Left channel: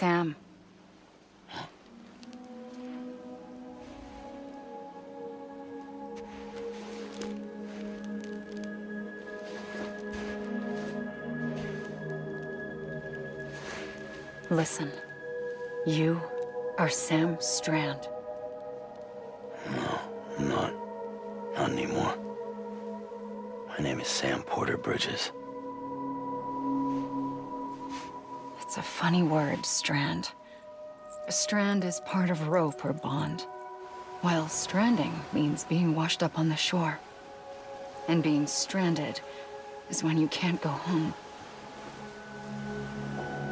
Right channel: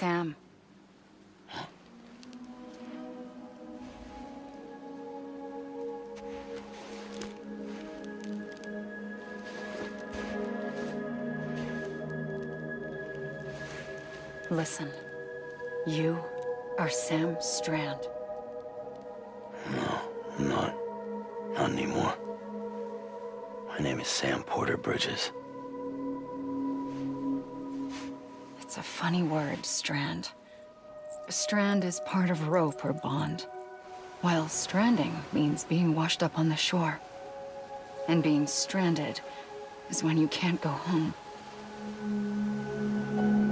Sam. Listen. You are Sam Strand. No, I'm not. Not anymore. My name is Sam Porter Bridges. It's a funny word, strand. A strand is part of rope or bond, while stranding means being washed up on the shore. And being stranded is when you can't go home.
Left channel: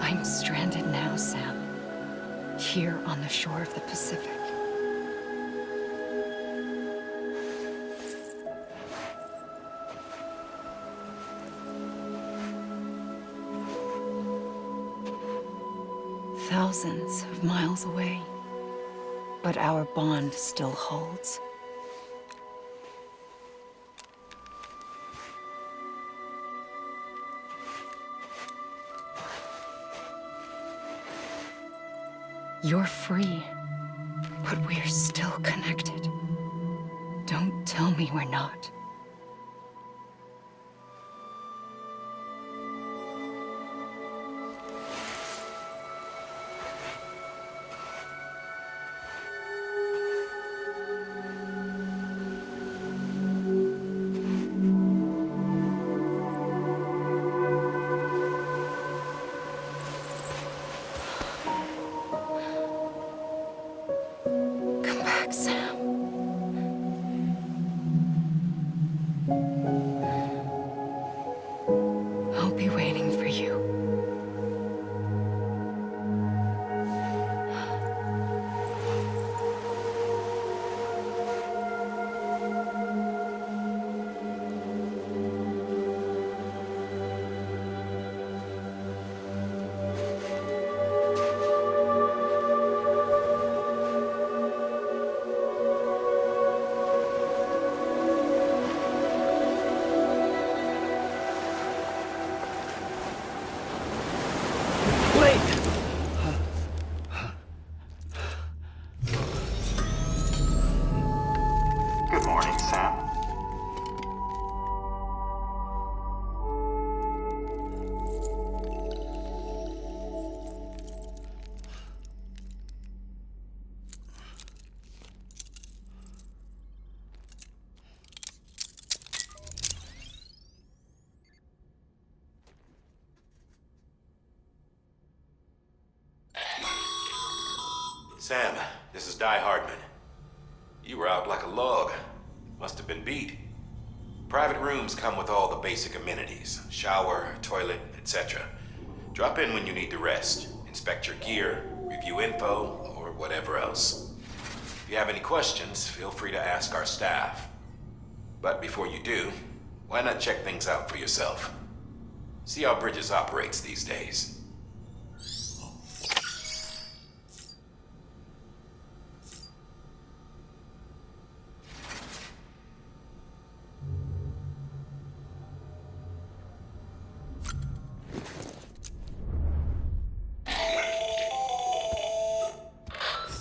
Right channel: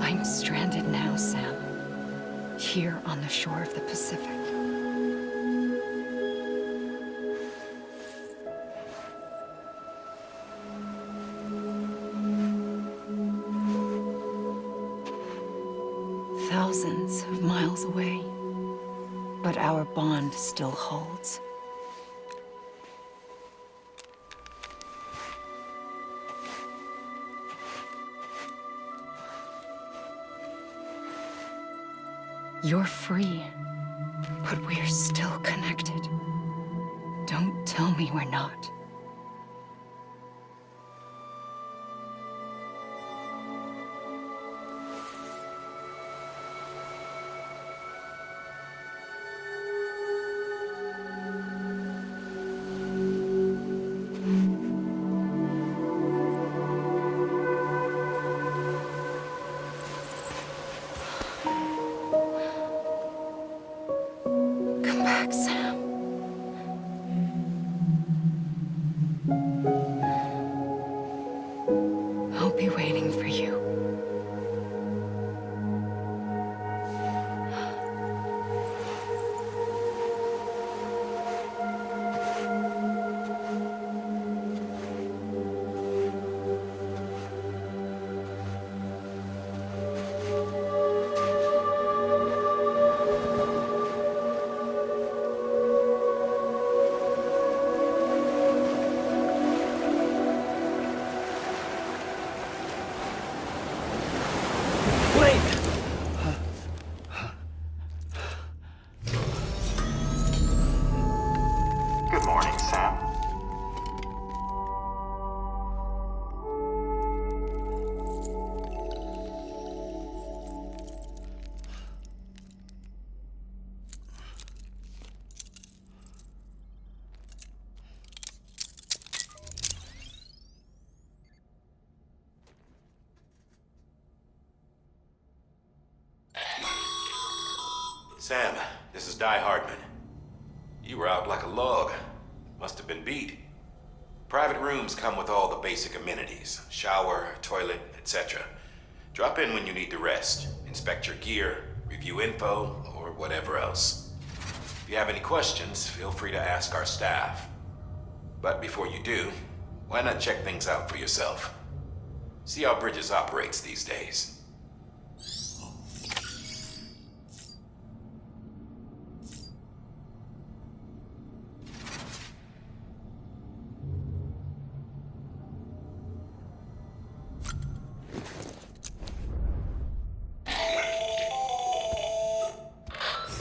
I'm stranded now, Sam. Here on the shore of the Pacific. Thousands of miles away, but our bond still holds. You're free, but we're still connected. Don't tell me we're not. Sam. I'll be waiting for you. Good morning, Sam. Sam, this is Di Hardman. You were out like a log. Must have been beat. Private rooms come with all the basic amenities. Shower, toilet, etc. Drop in when you need to rest. Inspect your gear, review info, or whatever else. If you have any questions, feel free to ask our staff. But before you do, why not check things out for yourself? See how Bridges operates these days.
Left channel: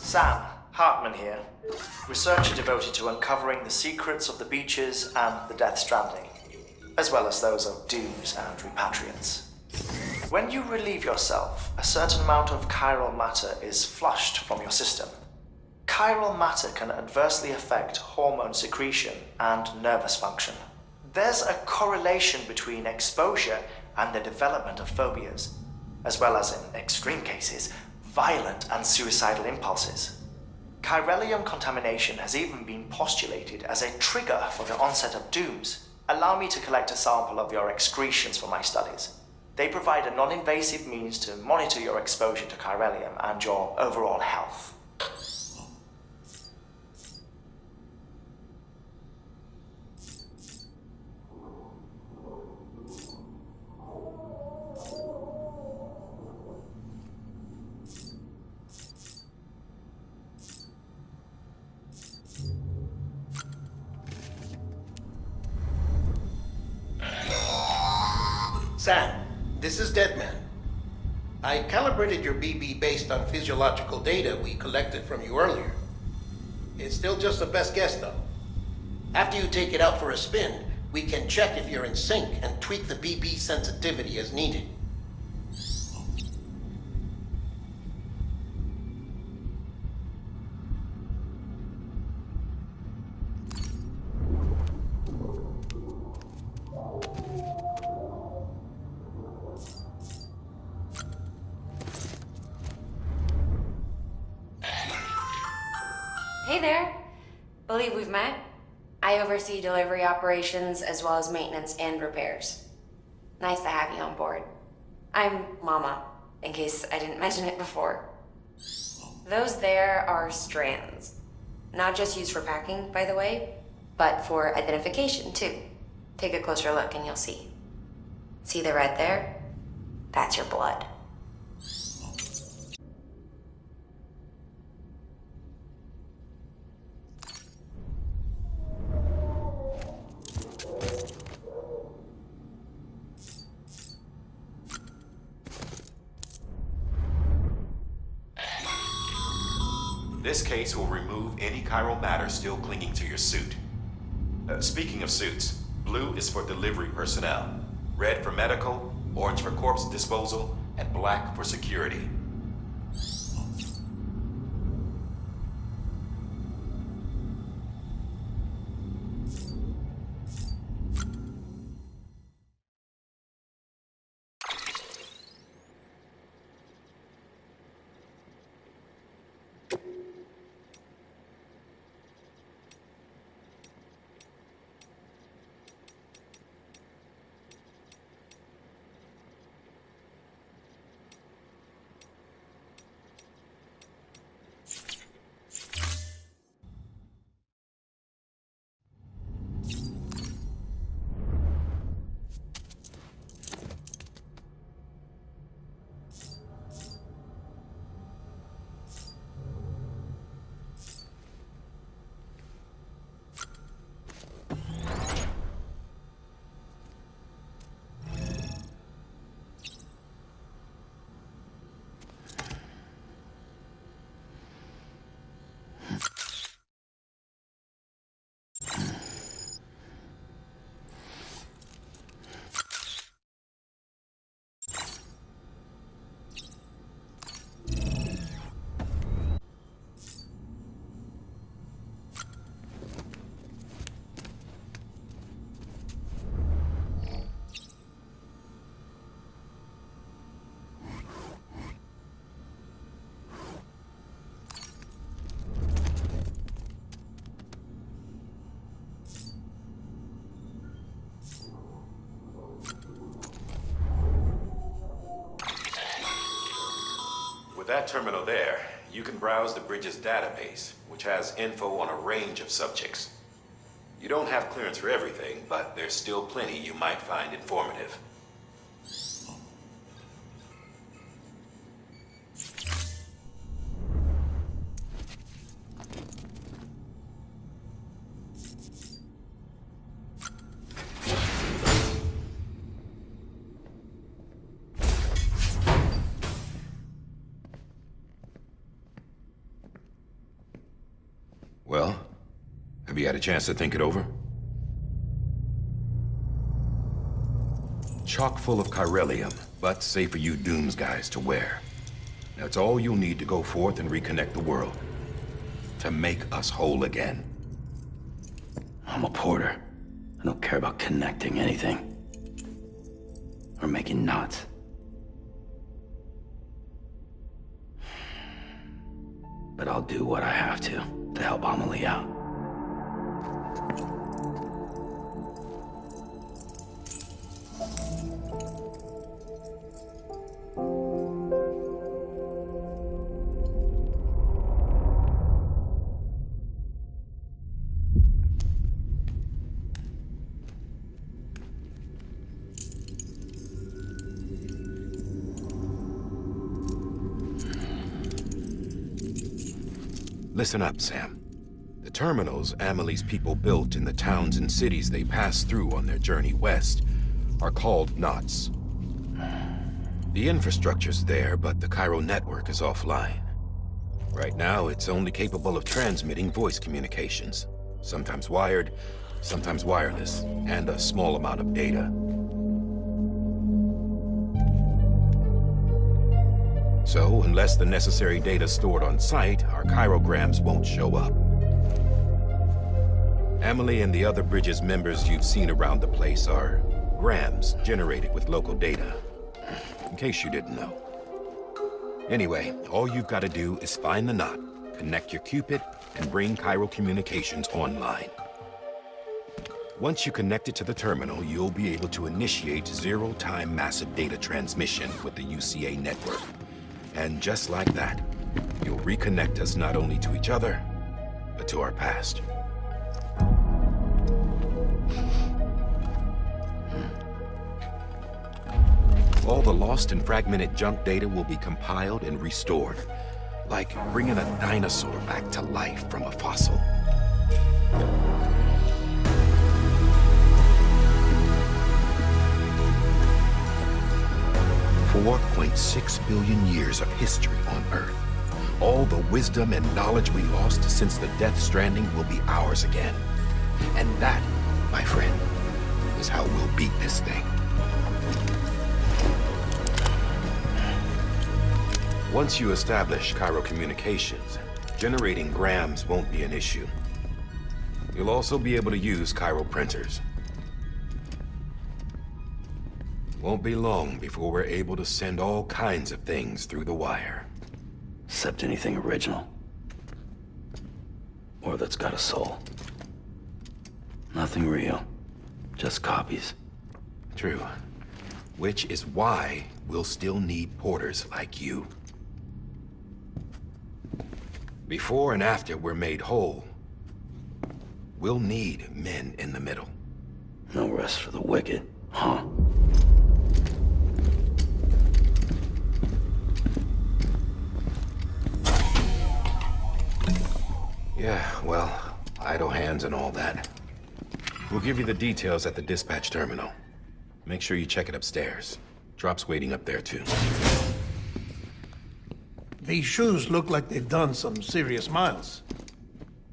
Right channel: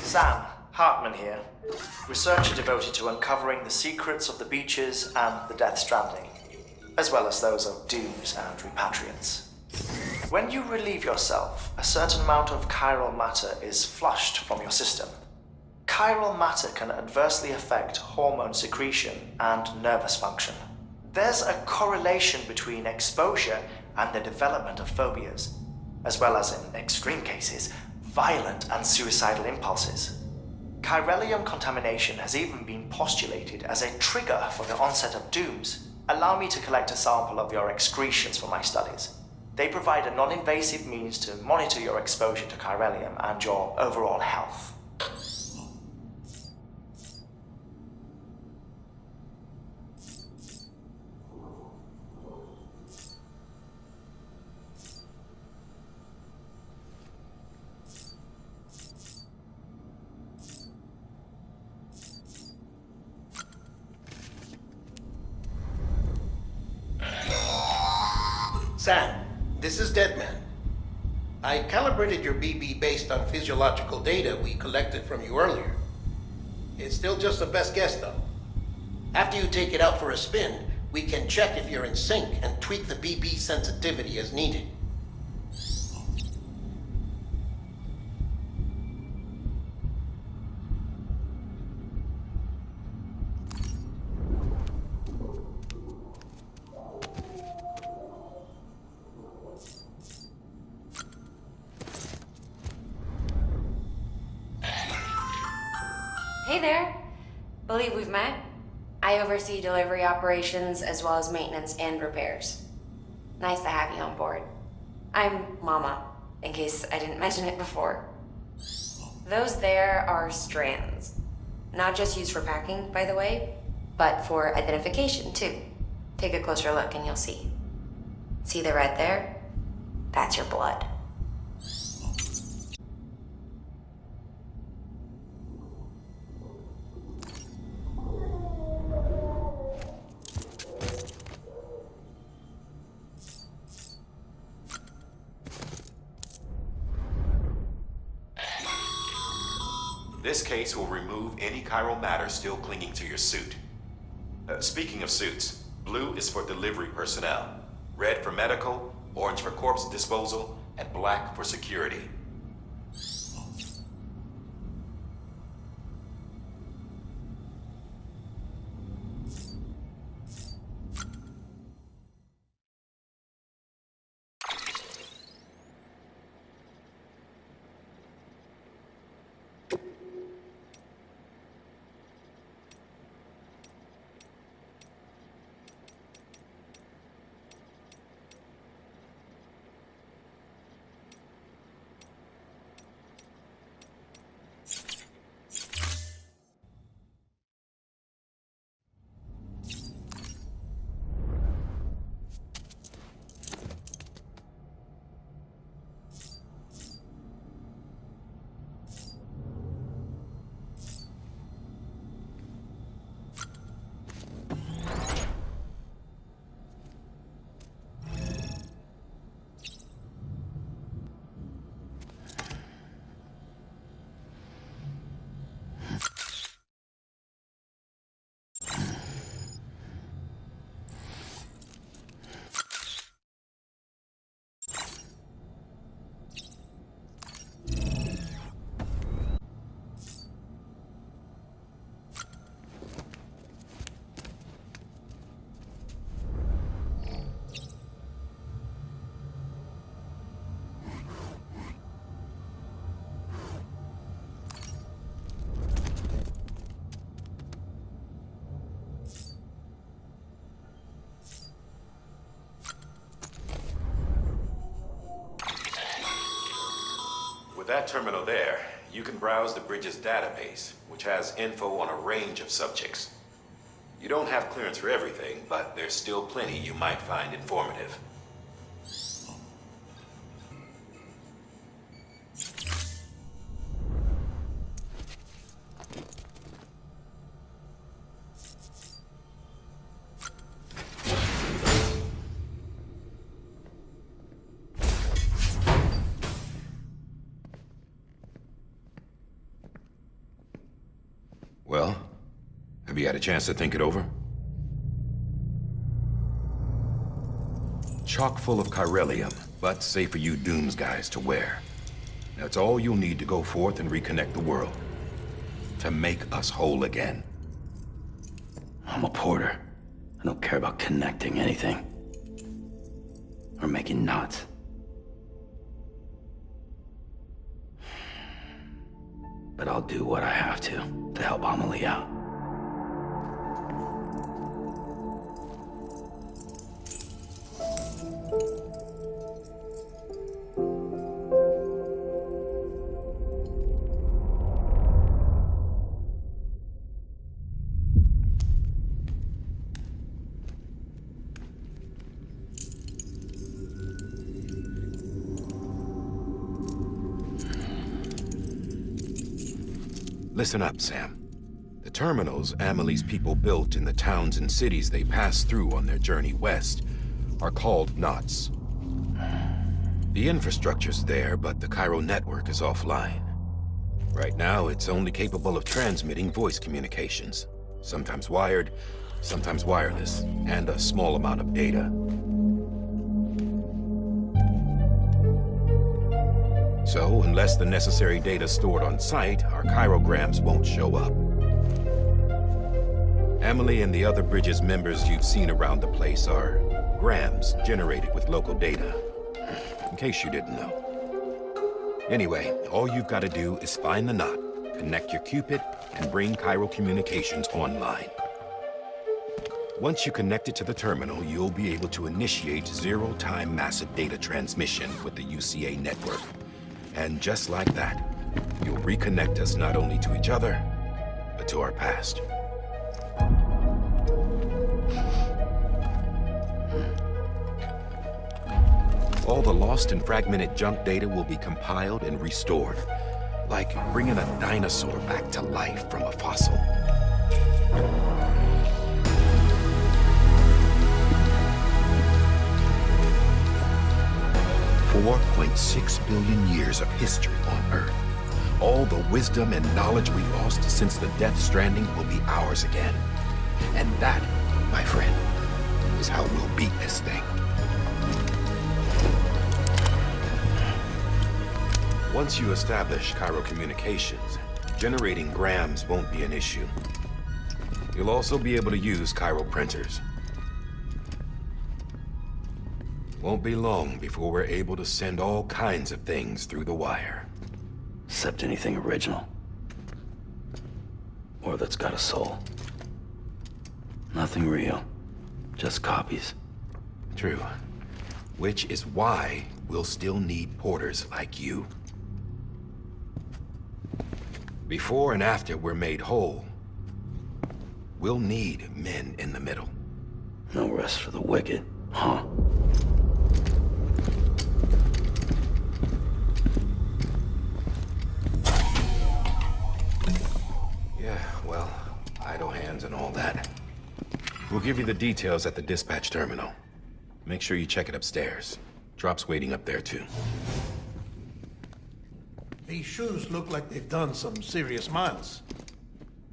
Sam, Hartman here, researcher devoted to uncovering the secrets of the beaches and the Death Stranding, as well as those of dooms and repatriants. When you relieve yourself, a certain amount of chiral matter is flushed from your system. Chiral matter can adversely affect hormone secretion and nervous function. There's a correlation between exposure and the development of phobias, as well as, in extreme cases, violent and suicidal impulses. Chiralium contamination has even been postulated as a trigger for the onset of dooms. Allow me to collect a sample of your excretions for my studies. They provide a non-invasive means to monitor your exposure to chiralium and your overall health. Sam, this is Deadman. I calibrated your BB based on physiological data we collected from you earlier. It's still just a best guess, though. After you take it out for a spin, we can check if you're in sync and tweak the BB sensitivity as needed. Hey there. Believe we've met. I oversee delivery operations as well as maintenance and repairs. Nice to have you on board. I'm Mama, in case I didn't mention it before. Those there are strands. Not just used for packing, by the way, but for identification too. Take a closer look and you'll see. See the red there? That's your blood. This case will remove any chiral matter still clinging to your suit. Speaking of suits, blue is for delivery personnel, red for medical, orange for corpse disposal, and black for security. With that terminal there, you can browse the bridge's database, which has info on a range of subjects. You don't have clearance for everything, but there's still plenty you might find informative. Well, have you had a chance to think it over? Chock full of chiralium, but safe for you Dooms guys to wear. That's all you'll need to go forth and reconnect the world. To make us whole again. I'm a porter. I don't care about connecting anything. Or making knots. But I'll do what I have to help Amelie out. Listen up, Sam. The terminals Amelie's people built in the towns and cities they passed through on their journey west are called knots. The infrastructure's there, but the Cairo network is offline. Right now, it's only capable of transmitting voice communications. Sometimes wired, sometimes wireless, and a small amount of data. So, unless the necessary data stored on site, our chirograms won't show up. Emily and the other Bridges members you've seen around the place are grams generated with local data. In case you didn't know. Anyway, all you've got to do is find the knot, connect your Cupid, and bring Cairo communications online. Once you connect it to the terminal, you'll be able to initiate zero-time massive data transmission with the UCA network. And just like that, you'll reconnect us not only to each other, but to our past. All the lost and fragmented junk data will be compiled and restored, like bringing a dinosaur back to life from a fossil. $4.6 billion years of history on Earth. All the wisdom and knowledge we lost since the Death Stranding will be ours again. And that, my friend, is how we'll beat this thing. Once you establish Cairo communications, generating grams won't be an issue. You'll also be able to use Cairo printers. Won't be long before we're able to send all kinds of things through the wire. Except anything original. Or that's got a soul. Nothing real. Just copies. True. Which is why we'll still need porters like you. Before and after we're made whole, we'll need men in the middle. No rest for the wicked, huh? Yeah, well, idle hands and all that. We'll give you the details at the dispatch terminal. Make sure you check it upstairs. Drop's waiting up there, too. These shoes look like they've done some serious miles.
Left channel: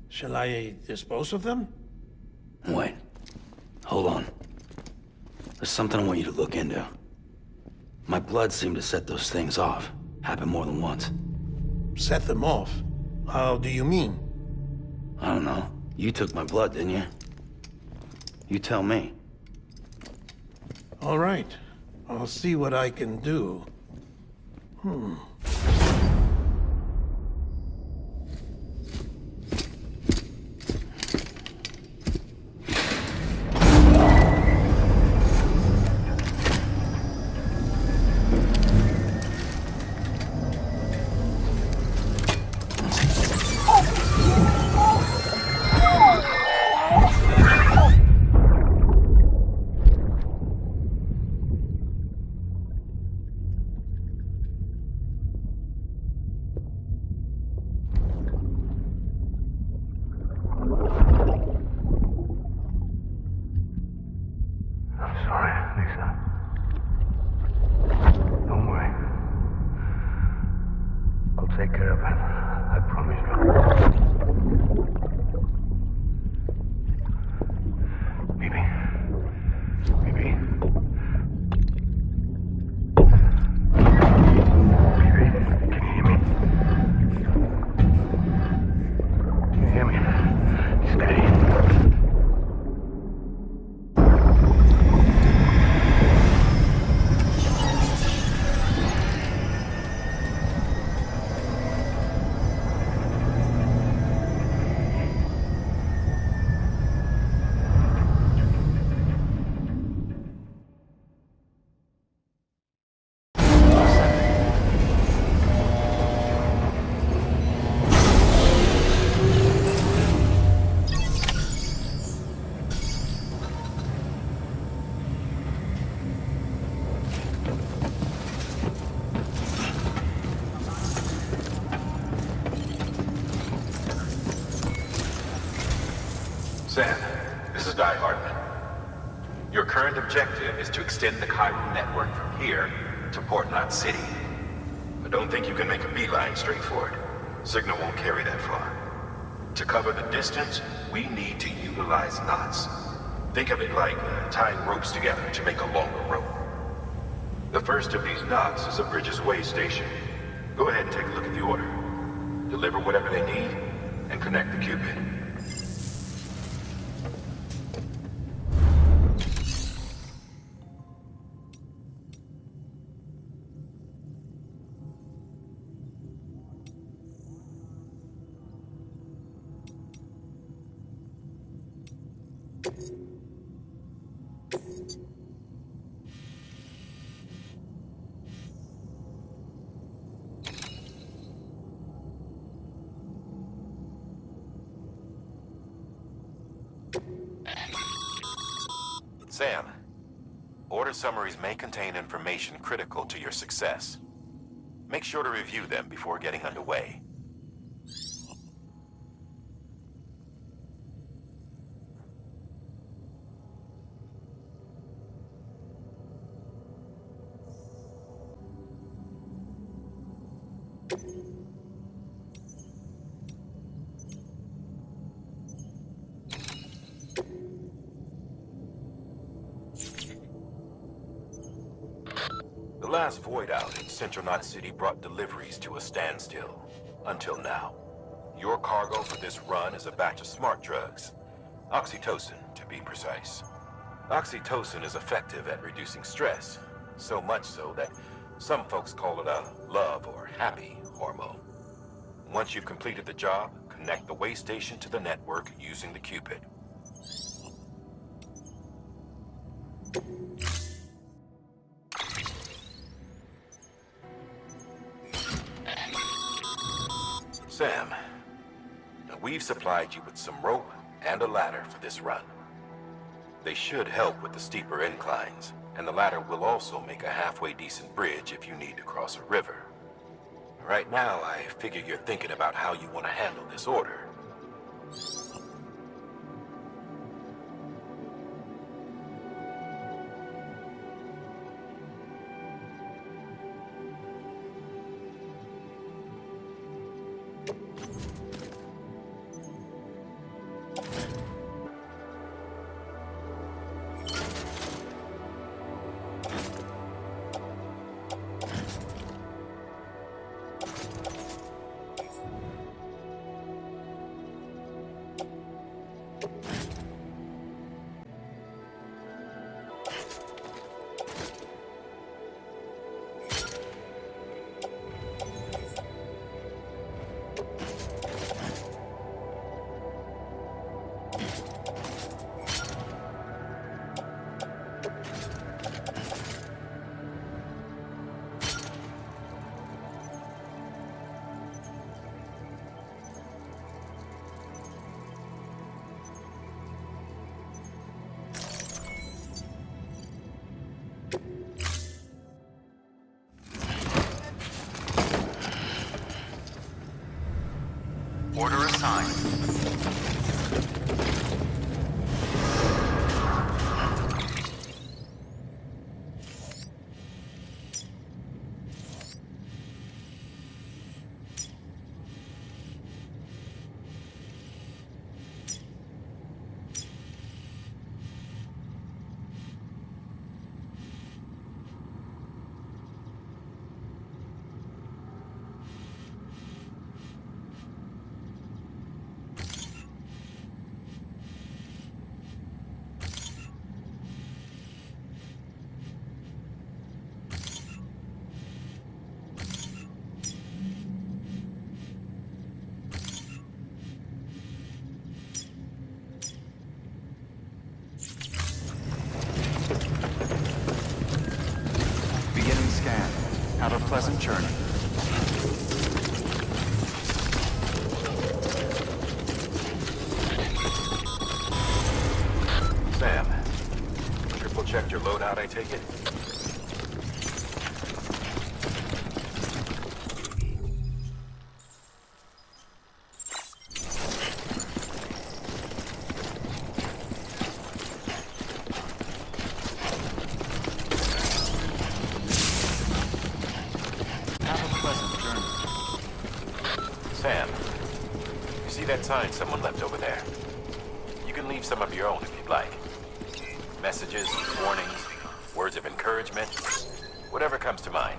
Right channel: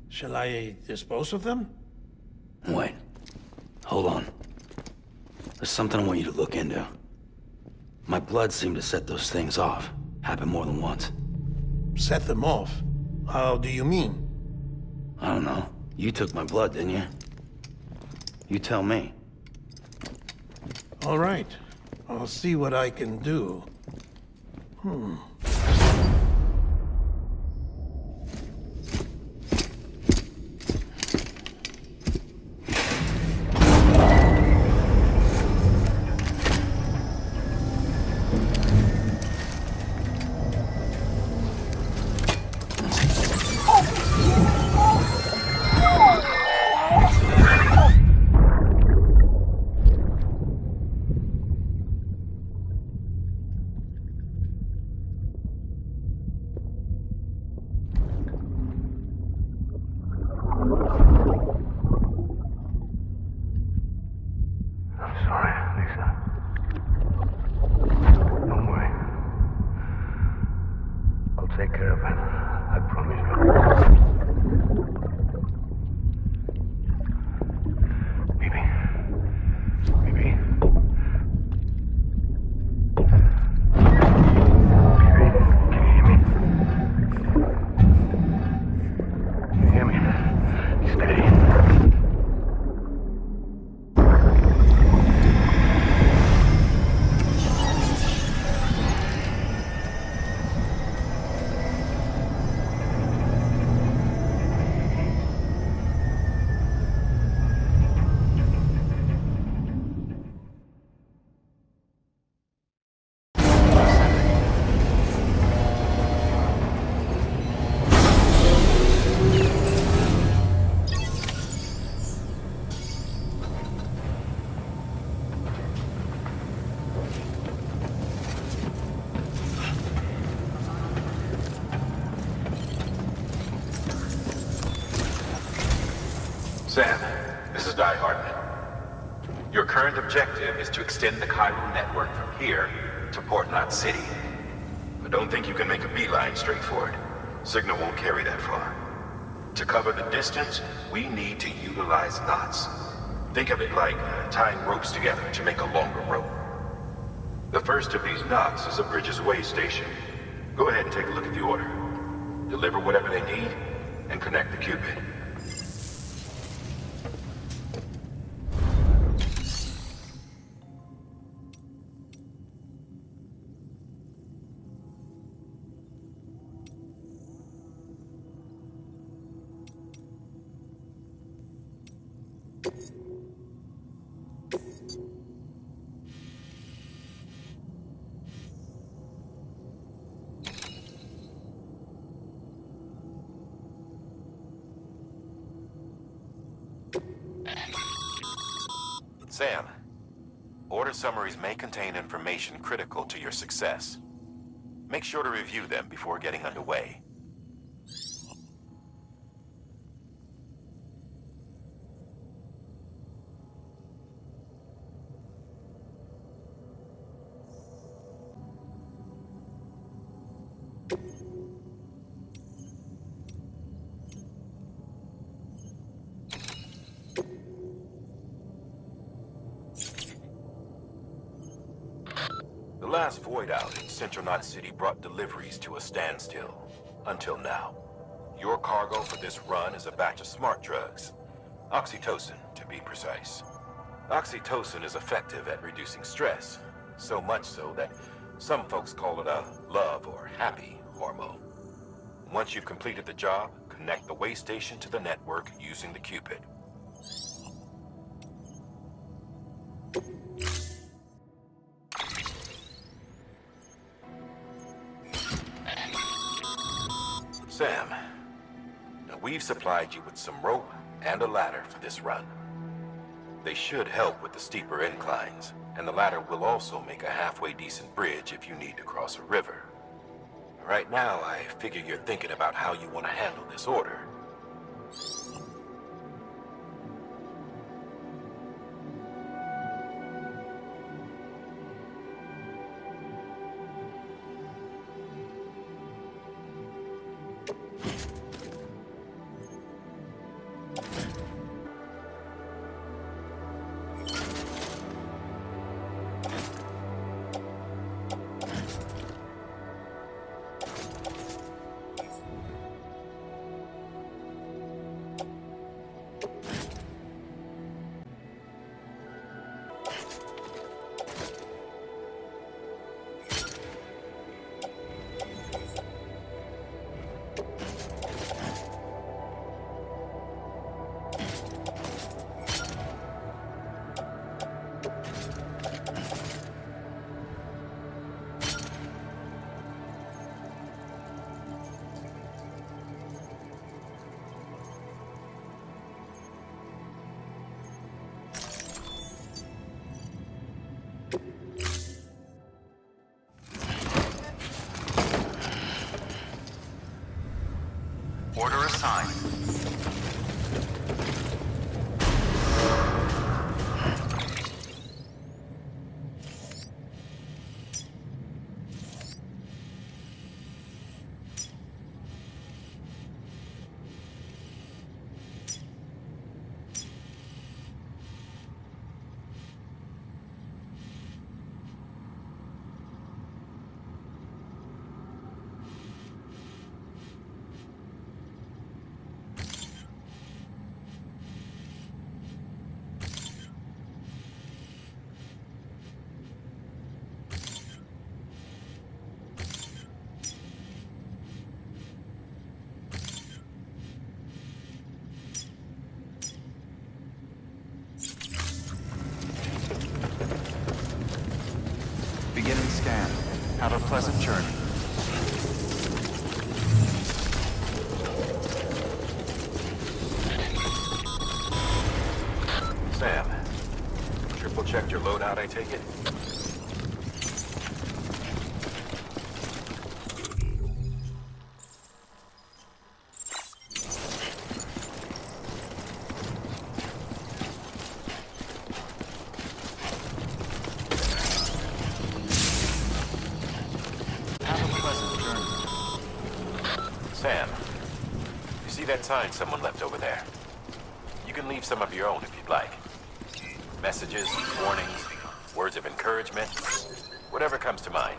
Shall I dispose of them? Wait. Hold on. There's something I want you to look into. My blood seemed to set those things off. Happened more than once. Set them off? How do you mean? I don't know. You took my blood, didn't you? You tell me. All right. I'll see what I can do. Take care of him. I promise you. Maybe. Maybe. Baby, can you hear me? Can you hear me? Steady. Sam, this is Hardman. Your current objective is to extend the Cairo network from here to Port Knot City. But don't think you can make a beeline straight for it. Signal won't carry that far. To cover the distance, we need to utilize knots. Think of it like tying ropes together to make a longer rope. The first of these knots is a Bridges Way station. Go ahead and take a look at the order. Deliver whatever they need, and connect the Cupid. Sam, order summaries may contain information critical to your success. Make sure to review them before getting underway. The last void out in Central Knot City brought deliveries to a standstill. Until now. Your cargo for this run is a batch of smart drugs. Oxytocin, to be precise. Oxytocin is effective at reducing stress. So much so that some folks call it a love or happy hormone. Once you've completed the job, connect the way station to the network using the Cupid. Sam, now we've supplied you with some rope and a ladder for this run. They should help with the steeper inclines, and the ladder will also make a halfway decent bridge if you need to cross a river. Right now, I figure you're thinking about how you want to handle this order. Order assigned. Beginning scan. Have a pleasant journey. Sam, triple-checked your loadout, I take it? Sam, you see that sign someone left over there? You can leave some of your own if you'd like. Messages, warnings, words of encouragement, whatever comes to mind.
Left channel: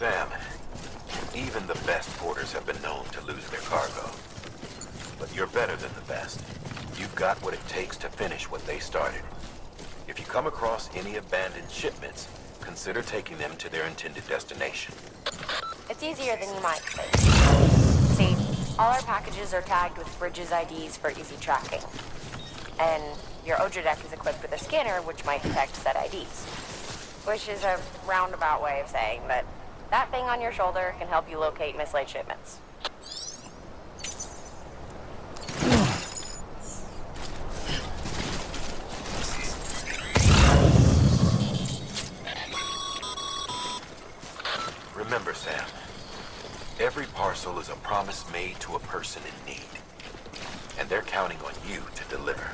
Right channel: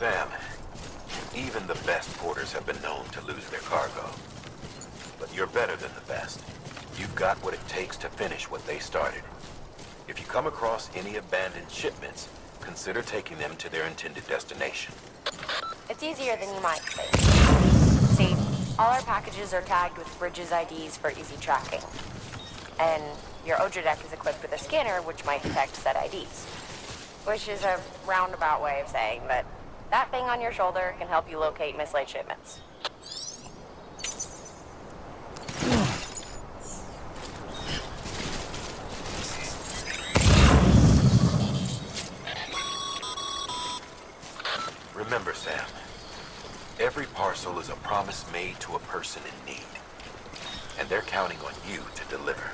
Sam, even the best porters have been known to lose their cargo. But you're better than the best. You've got what it takes to finish what they started. If you come across any abandoned shipments, consider taking them to their intended destination. It's easier than you might think. See, all our packages are tagged with Bridges IDs for easy tracking. And your Odra deck is equipped with a scanner which might detect said IDs. Which is a roundabout way of saying that that thing on your shoulder can help you locate mislaid shipments. Remember, Sam, every parcel is a promise made to a person in need. And they're counting on you to deliver.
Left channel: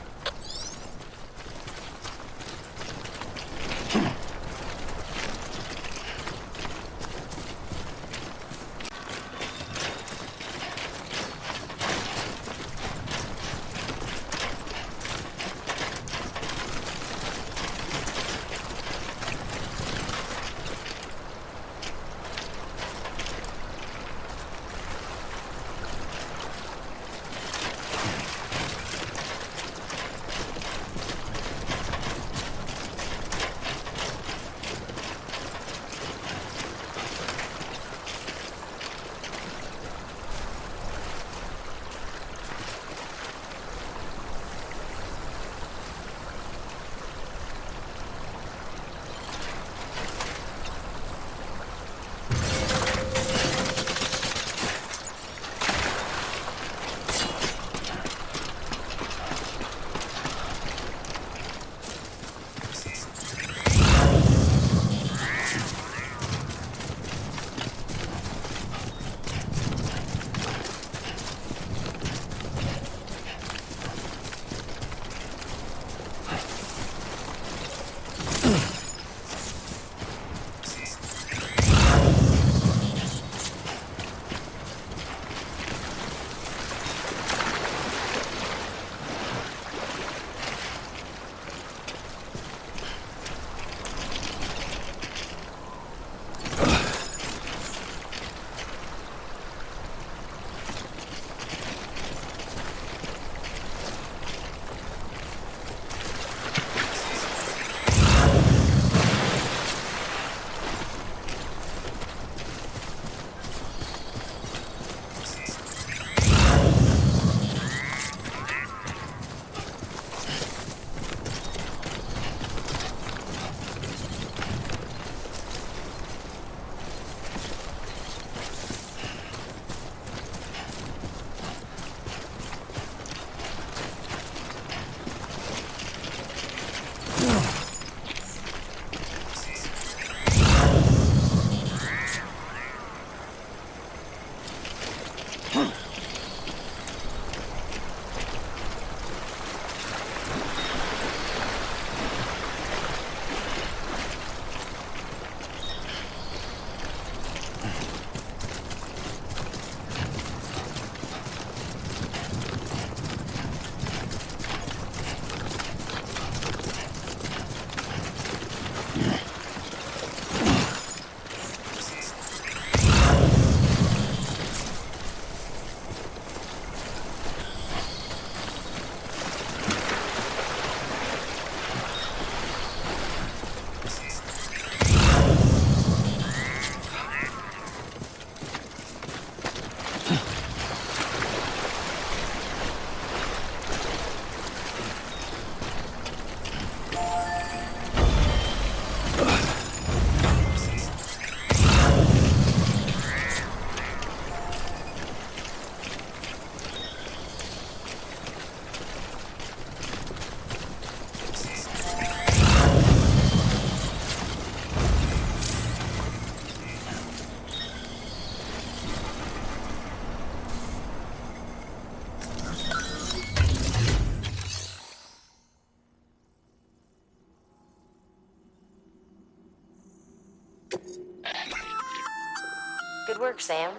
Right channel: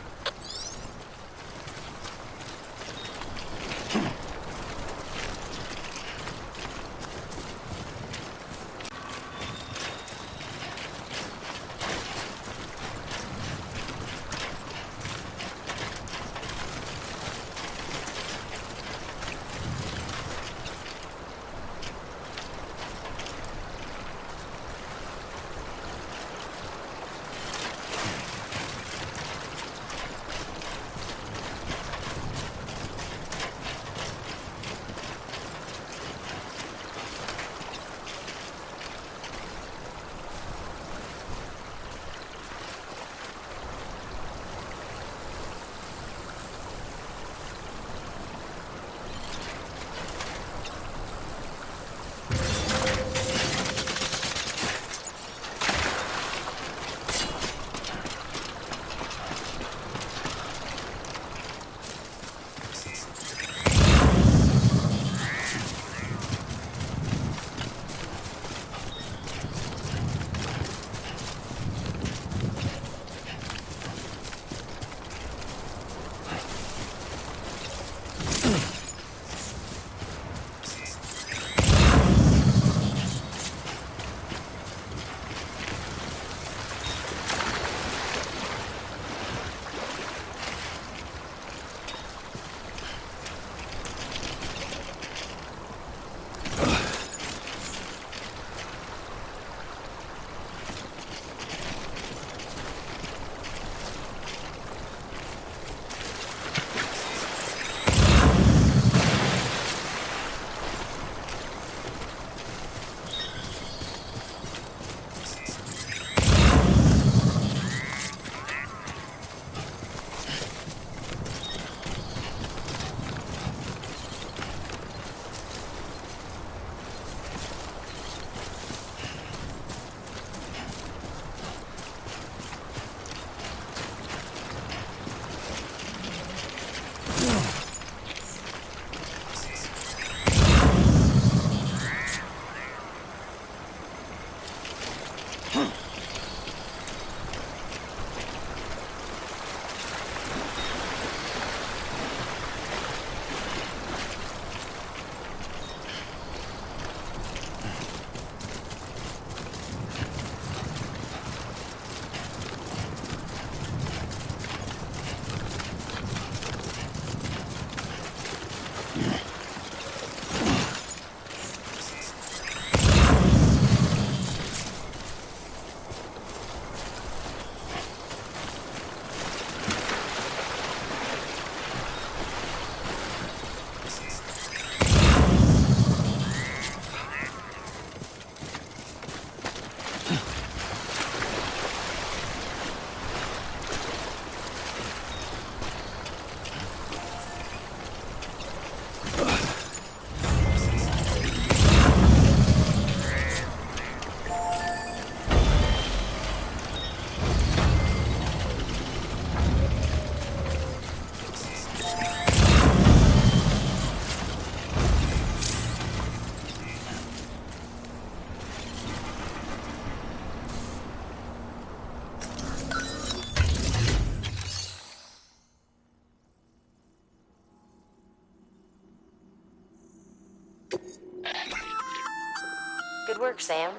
Good work, Sam.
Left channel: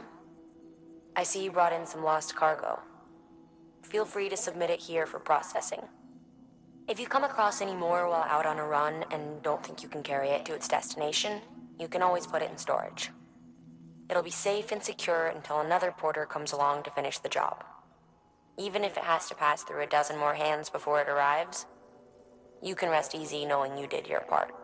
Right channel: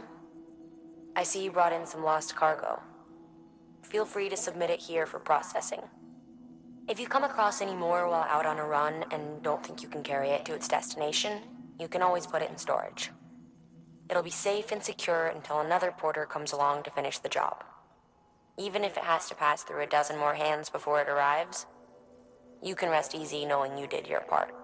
I see you brought in some lost cargo. Feel free to submit it here for processing. If you come across any more while out on a run and don't think you can carry it to its destination, you can always put it in storage. It'll be safe and secure until another porter comes along to finish the job. Even if it has to pass through a dozen more hands before it arrives, you can rest easy knowing you did your part.